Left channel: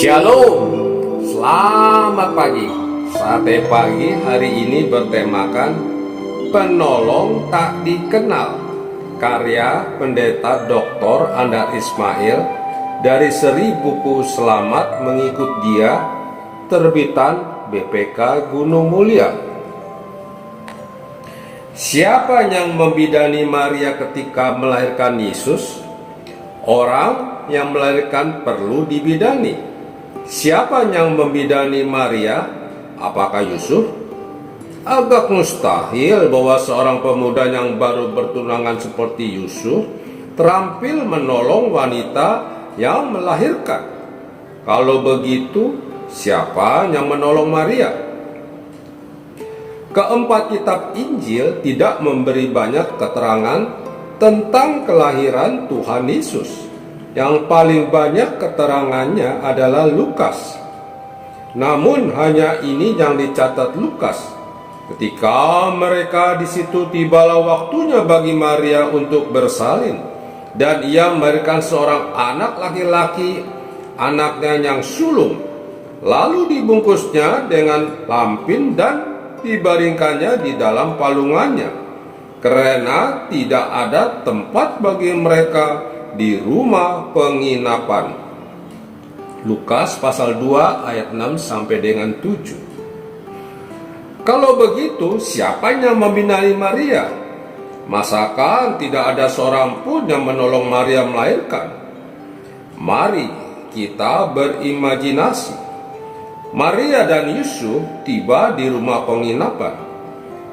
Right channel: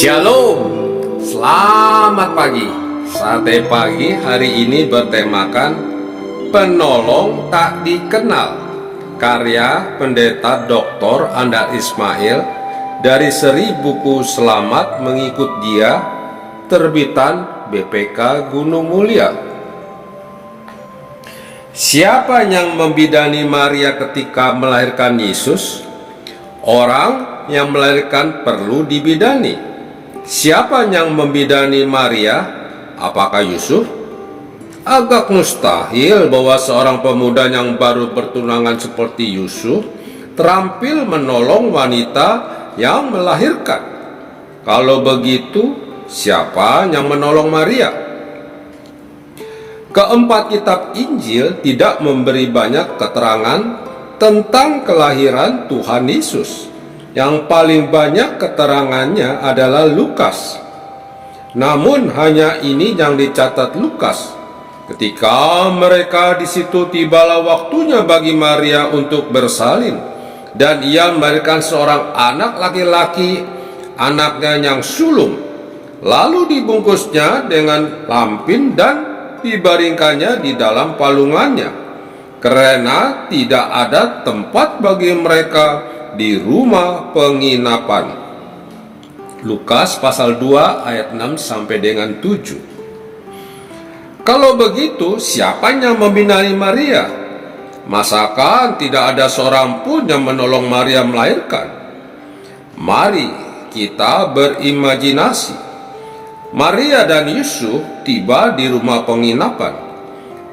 Shalom, selamat pagi. Sate pagi hari ini bertemakan Penolong Tak Dikenal, karya Pendeta Dr. Andar Ismail dari seri buku Selamat Mengikut Dia, terbitan BPK Gunung Mulia. Siapa yang membidani Maria ketika melahirkan Yesus? Orang yang melahirkan perlu dibidani. Siapa yang membidani Maria? Apakah Yusuf? Agak mustahil bahwa seorang pemuda yang baru bertunangan seperti Yusuf terampil menolong wanita yang melahirkan. Kalau begitu, siapa yang menolong Maria? Keempat kitab Injil tidak memberi banyak keterangan tentang kelahiran Tuhan Yesus. Yang paling banyak keterangannya adalah Lukas. Namun hanya ini yang dicatat Lukas. Ketika mereka di situ, tibalah waktunya bagi Maria untuk bersalin, dan ia melahirkan seorang anak laki-laki, anaknya yang sulung. Lalu dibungkusnya dengan lampin dan dibaringkannya di dalam palungannya, karena tidak ada tempat bagi mereka di rumah penginapan. Lukas pasal 2 ayat 6 sampai dengan 7. Kalau begitu, siapa yang membidani Maria? Masakan tidak ada seorang pun yang menolong Maria melahirkan? Mari kita berimajinasi. Maria dan Yusuf tiba di rumah penginapan.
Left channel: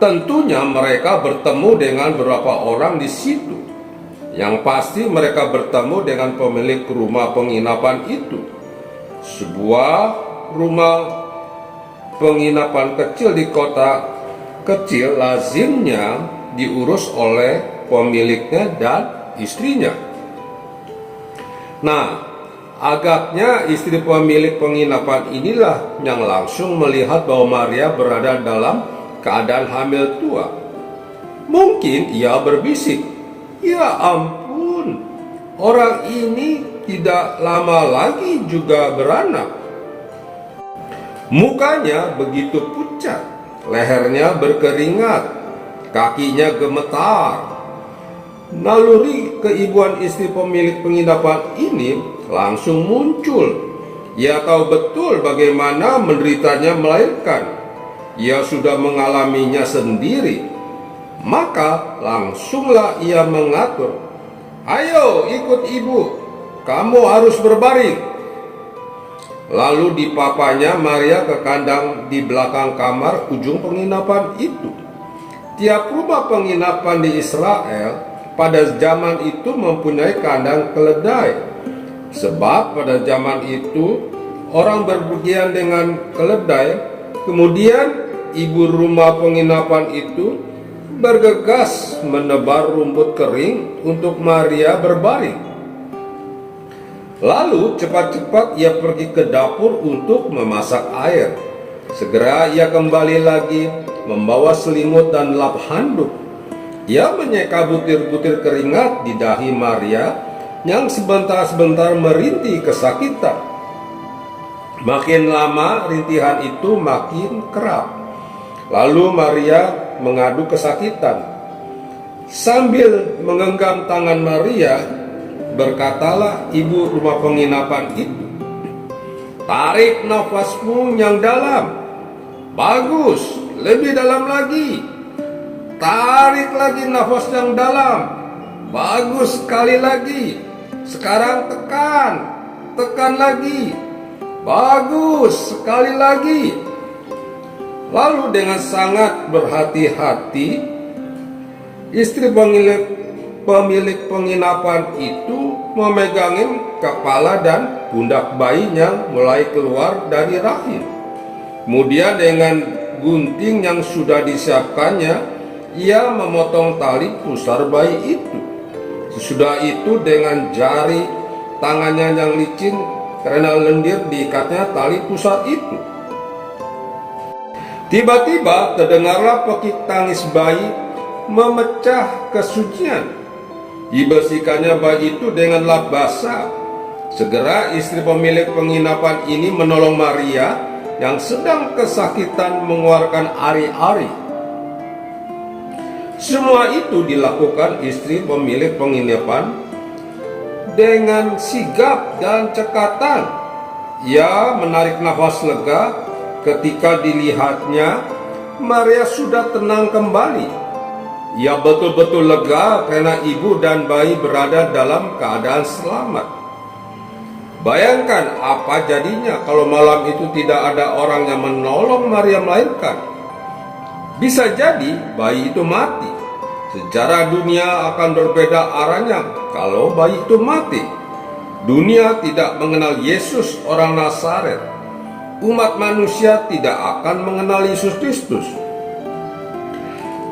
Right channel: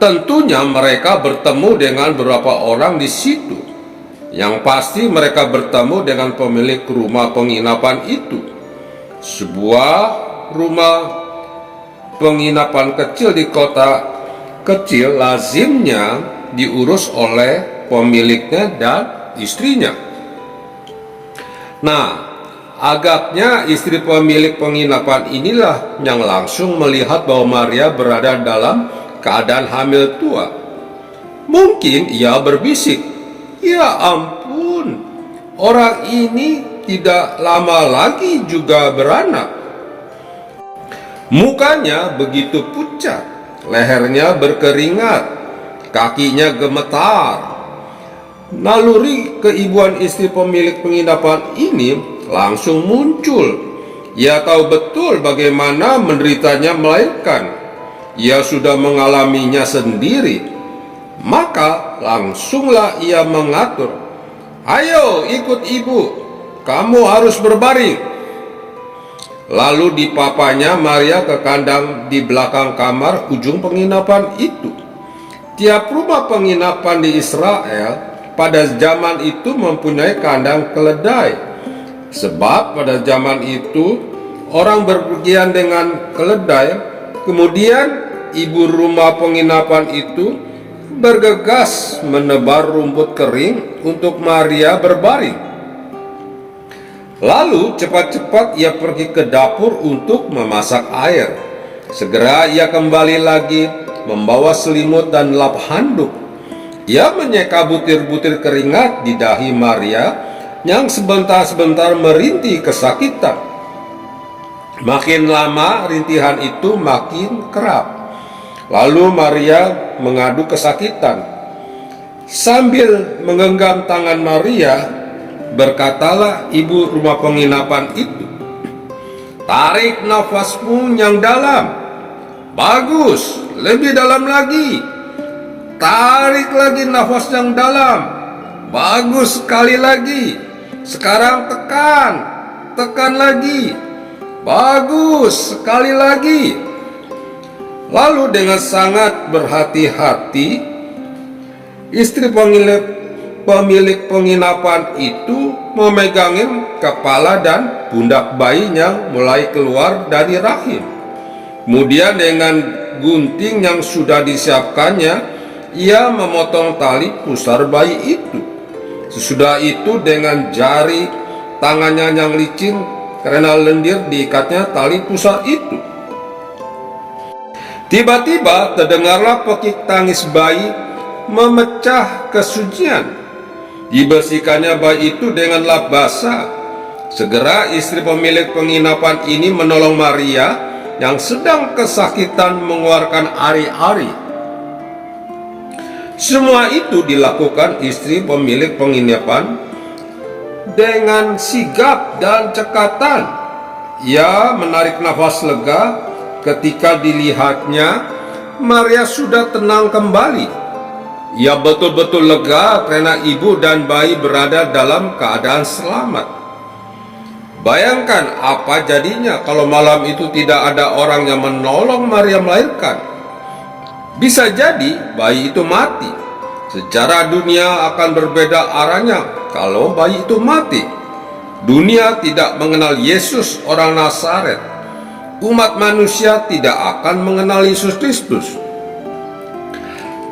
Tentunya mereka bertemu dengan beberapa orang di situ. Yang pasti mereka bertemu dengan pemilik rumah penginapan itu. Sebuah rumah penginapan kecil di kota kecil lazimnya diurus oleh pemiliknya dan istrinya. Nah, agaknya istri pemilik penginapan inilah yang langsung melihat bahwa Maria berada dalam keadaan hamil tua. Mungkin ia berbisik, "Ya ampun, orang ini tidak lama lagi juga beranak." Mukanya begitu pucat, lehernya berkeringat, kakinya gemetar. Naluri keibuan istri pemilik penginapan ini langsung muncul. Ia tahu betul bagaimana menderitanya melahirkan. Ia sudah mengalaminya sendiri. Maka langsunglah ia mengatur, "Ayo ikut ibu, kamu harus berbaring." Lalu dipapanya Maria ke kandang di belakang kamar ujung penginapan itu. Tiap rumah penginapan di Israel pada zaman itu mempunyai kandang keledai. Sebab pada zaman itu orang berpergian dengan keledai. Kemudian ibu rumah penginapan itu bergegas menebar rumput kering untuk Maria berbaring. Lalu cepat-cepat ia pergi ke dapur untuk memasak air. Segera ia kembali lagi membawa selimut dan lap handuk. Ia menyeka butir-butir keringat di dahi Maria yang sebentar-sebentar merintih kesakitan. Makin lama rintihan itu makin kerap. Lalu Maria mengadu kesakitan. Sambil menggenggam tangan Maria, berkatalah ibu rumah penginapan itu, "Tarik nafasmu yang dalam. Bagus, lebih dalam lagi. Tarik lagi nafas yang dalam. Bagus, sekali lagi. Sekarang tekan lagi. Bagus, sekali lagi." Lalu dengan sangat berhati-hati, istri pemilik penginapan itu memegangin kepala dan pundak bayinya mulai keluar dari rahim. Kemudian dengan gunting yang sudah disiapkannya, ia memotong tali pusar bayi itu. Sesudah itu dengan jari tangannya yang licin karena lendir diikatnya tali pusar itu. Tiba-tiba terdengarlah pekik tangis bayi memecah kesunyian. Dibersihkannya bayi itu dengan lap basah. Segera istri pemilik penginapan ini menolong Maria yang sedang kesakitan mengeluarkan ari-ari. Semua itu dilakukan istri pemilik penginapan dengan sigap dan cekatan. Ia menarik nafas lega ketika dilihatnya Maria sudah tenang kembali. Ia betul-betul lega karena ibu dan bayi berada dalam keadaan selamat. Bayangkan apa jadinya kalau malam itu tidak ada orang yang menolong Maria melahirkan. Bisa jadi bayi itu mati. Sejarah dunia akan berbeda arahnya kalau bayi itu mati. Dunia tidak mengenal Yesus orang Nazaret. Umat manusia tidak akan mengenal Yesus Kristus.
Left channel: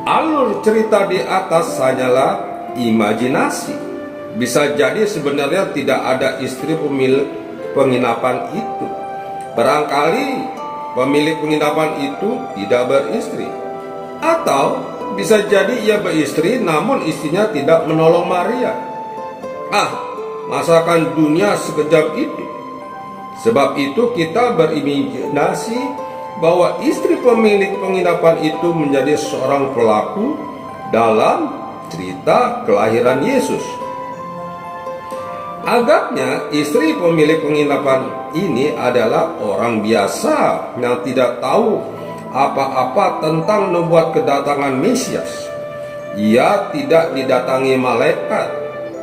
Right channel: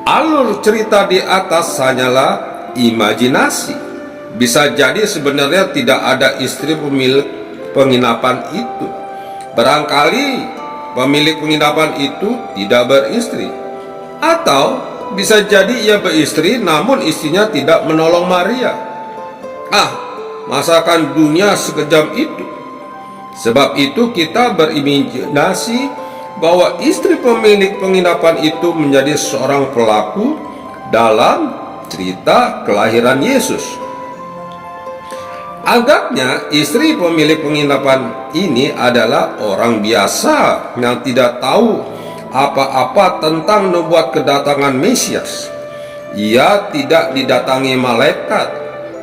Alur cerita di atas hanyalah imajinasi. Bisa jadi sebenarnya tidak ada istri pemilik penginapan itu. Barangkali pemilik penginapan itu tidak beristri. Atau bisa jadi ia beristri namun istrinya tidak menolong Maria. Masakan dunia sekejam itu. Sebab itu kita berimajinasi bahwa istri pemilik penginapan itu menjadi seorang pelaku dalam cerita kelahiran Yesus. Agaknya istri pemilik penginapan ini adalah orang biasa yang tidak tahu apa-apa tentang nubuat kedatangan Mesias. Ia tidak didatangi malaikat.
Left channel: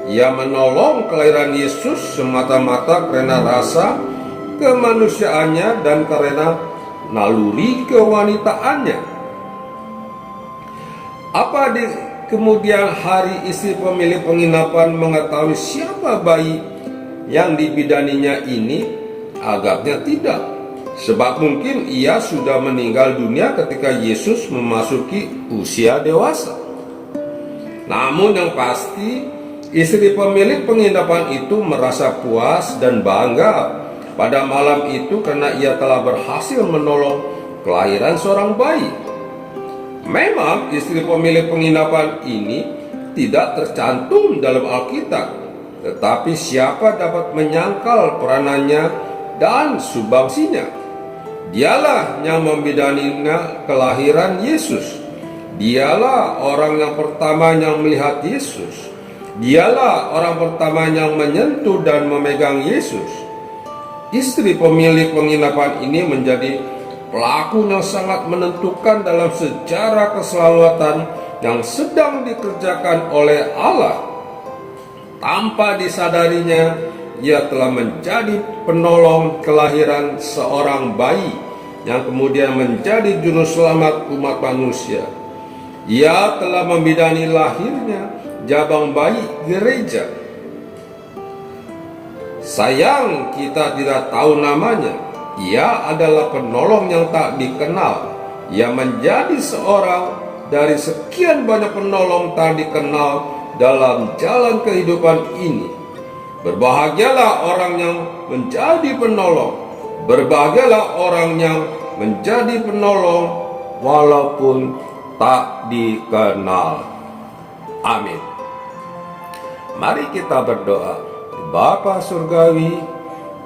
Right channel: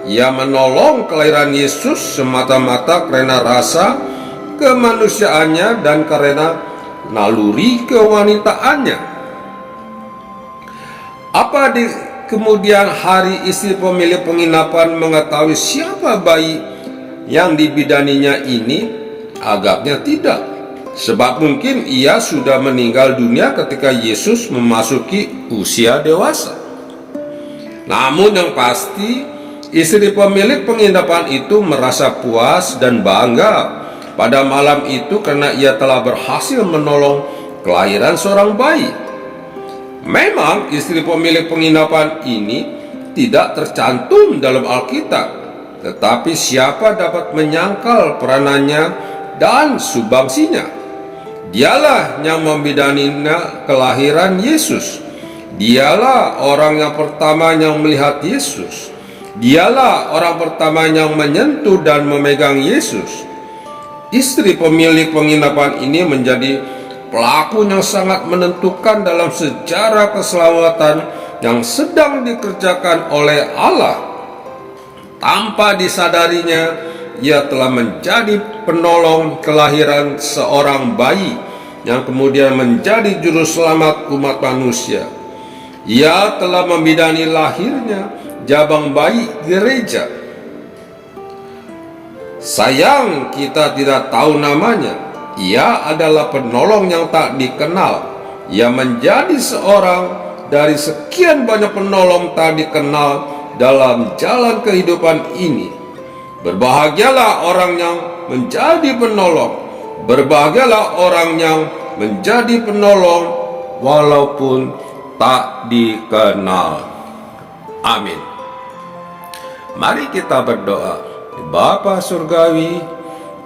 Ia menolong kelahiran Yesus semata-mata karena rasa kemanusiaannya dan karena naluri kewanitaannya. Apa di kemudian hari istri pemilik penginapan mengetahui siapa bayi yang dibidaninya ini? Agaknya tidak, sebab mungkin ia sudah meninggal dunia ketika Yesus memasuki usia dewasa. Namun yang pasti, istri pemilik penginapan itu merasa puas dan bangga pada malam itu karena ia telah berhasil menolong kelahiran seorang bayi. Memang istri pemilik penginapan ini tidak tercantum dalam Alkitab, tetapi siapa dapat menyangkal peranannya dan sumbangsinya? Dialah yang membidaninya kelahiran Yesus. Dialah orang yang pertama yang melihat Yesus. Dialah orang pertama yang menyentuh dan memegang Yesus. Istri pemilik penginapan ini menjadi pelaku yang sangat menentukan dalam sejarah keselamatan yang sedang dikerjakan oleh Allah. Tanpa disadarinya, ia telah menjadi penolong kelahiran seorang bayi yang kemudian menjadi juru selamat umat manusia. Ia telah membidani lahirnya jabang bayi gereja. Sayang kita tidak tahu namanya. Ia adalah penolong yang tak dikenal. Ia menjadi seorang dari sekian banyak penolong tak dikenal dalam jalan kehidupan ini. Berbahagialah orang yang menjadi penolong. Berbahagialah orang yang menjadi penolong walaupun tak dikenal. Amin. Mari kita berdoa. Bapa Surgawi,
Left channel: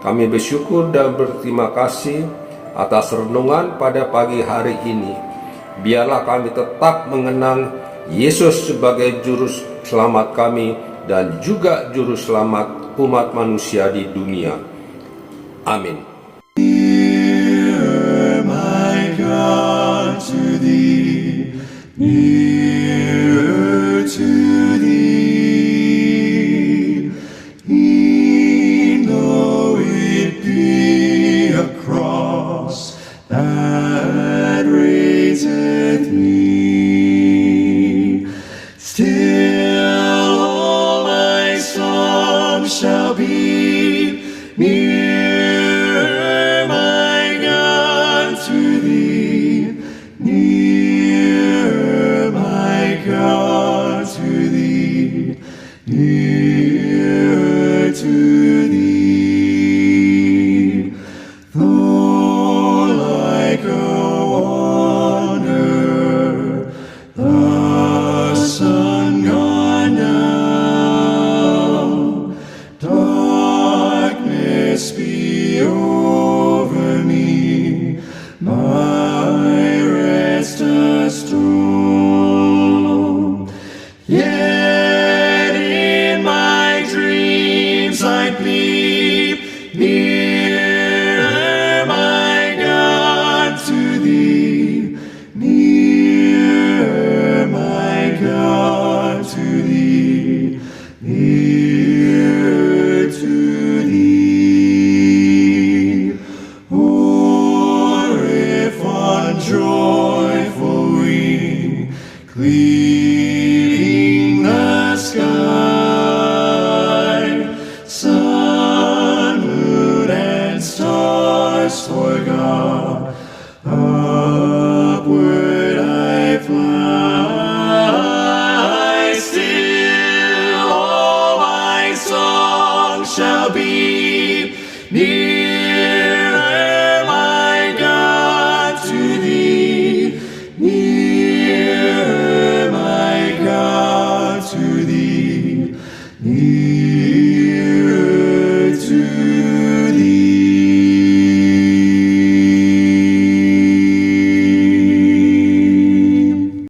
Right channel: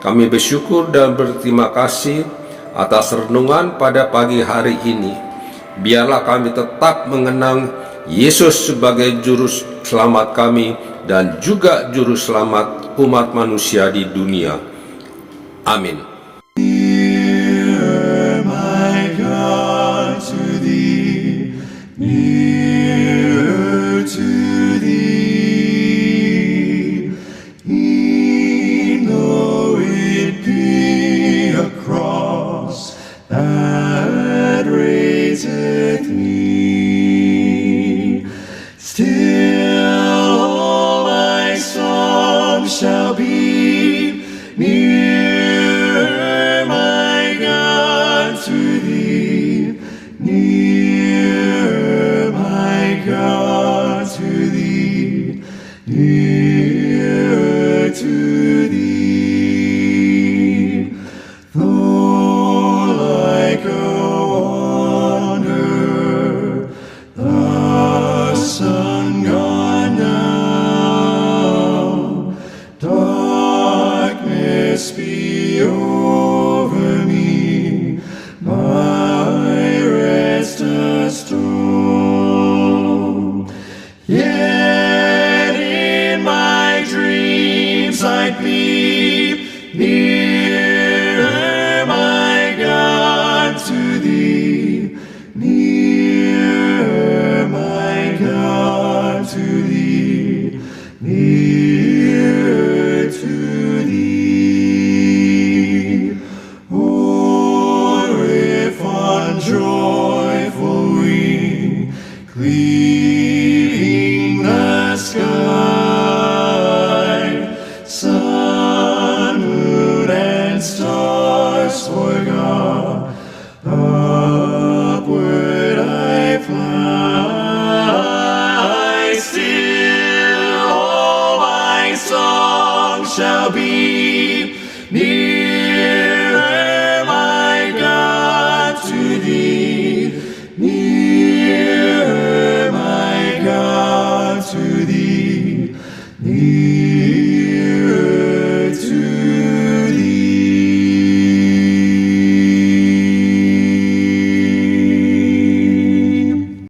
kami bersyukur dan berterima kasih atas renungan pada pagi hari ini. Biarlah kami tetap mengenang Yesus sebagai juru selamat kami dan juga juru selamat umat manusia di dunia. Amin. Near, my God, to thee, nearer to thee. E'en though it be a cross that raiseth me, still all my songs shall be nearer, my God, to thee, nearer, my God, to thee, nearer to thee. Though like a wanderer, the sun gone down, darkness might be nearer, my God, to thee. Nearer, my God, to thee. Nearer to thee. Oh, if on joyful wing, cleaving the sky, sun, moon, and stars forgot, upward I fly. Still all my song shall be nearer, my God, to thee. Nearer, my God, to thee.